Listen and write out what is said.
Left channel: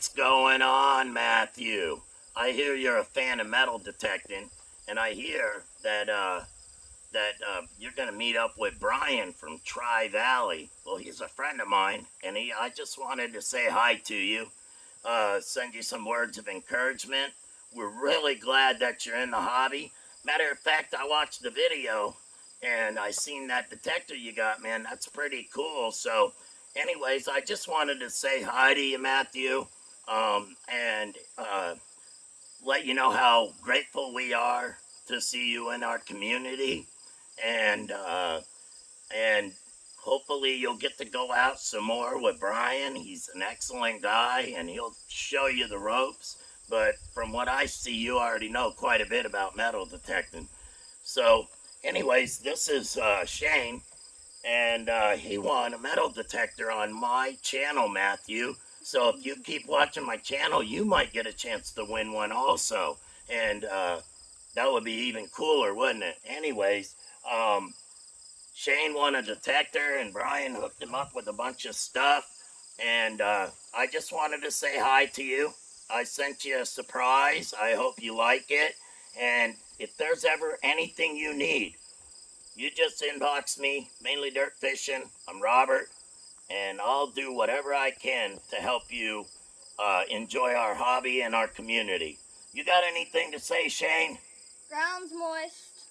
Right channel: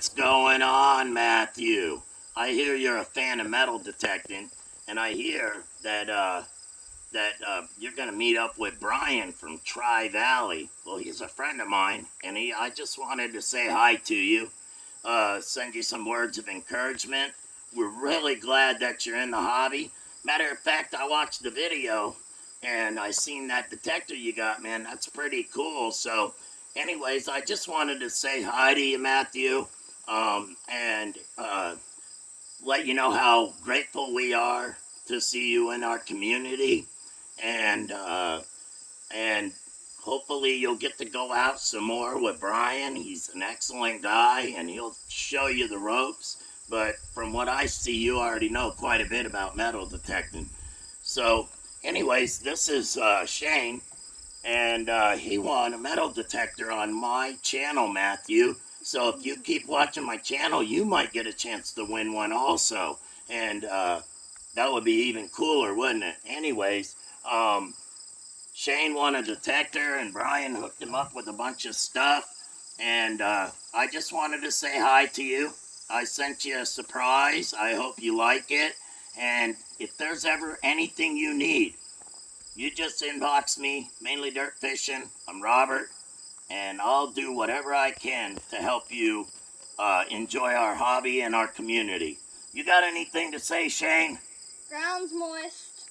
What's going on, Matthew? I hear you're a fan of metal detecting, and I hear that you're gonna meet up with Brian from Tri Valley. Well, he's a friend of mine, and I just wanted to say hi to you, send you some words of encouragement. We're really glad that you're in the hobby. Matter of fact, I watched the video, and I seen that detector you got, man. That's pretty cool. So, anyways, I just wanted to say hi to you, Matthew, and let you know how grateful we are to see you in our community, and hopefully you'll get to go out some more with Brian. He's an excellent guy, and he'll show you the ropes. But from what I see, you already know quite a bit about metal detecting. So, anyways, this is Shane, and he won a metal detector on my channel, Matthew. So if you keep watching my channel, you might get a chance to win one also. And that would be even cooler, wouldn't it? Anyways, Shane won a detector, and Brian hooked him up with a bunch of stuff. And I just wanted to say hi to you. I sent you a surprise. I hope you like it. And if there's ever anything you need, you just inbox me, mainly dirt fishing. I'm Robert, and I'll do whatever I can to help you enjoy our hobby and our community. You got anything to say, Shane? Ground's moist.